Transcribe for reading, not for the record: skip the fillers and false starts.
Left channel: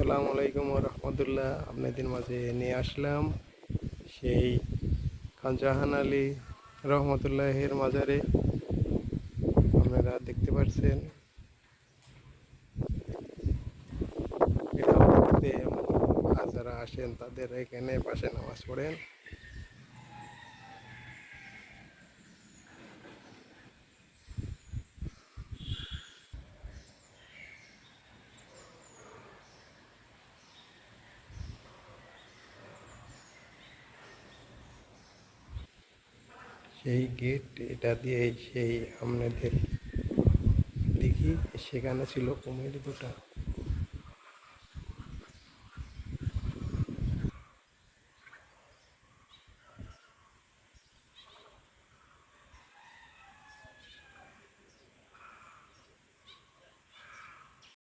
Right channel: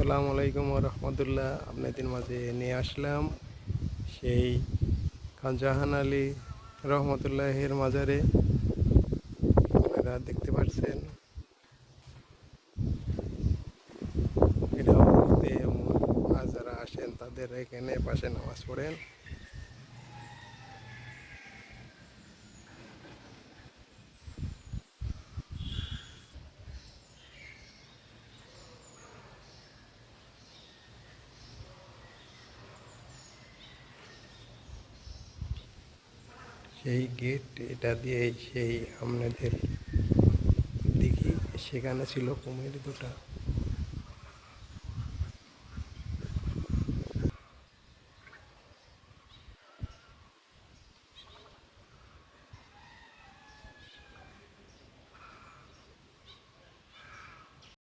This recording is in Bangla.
আসসালামু আলাইকুম রহমতুল্লাহ। আপনাদের মাঝে নিয়ে আসলাম সেই খান জাহান আলী রহমতুল্লাহের মাজারে। আপনারা দেখতে পাচ্ছেন এটাও ঘুরতে যারা আসেন তাদের এখানে পাশে নামাজ পড়েন। সেই গেট এটা দিয়ে সেই আপনাদের দেখি সেখানে ছিল কুমির দুটা।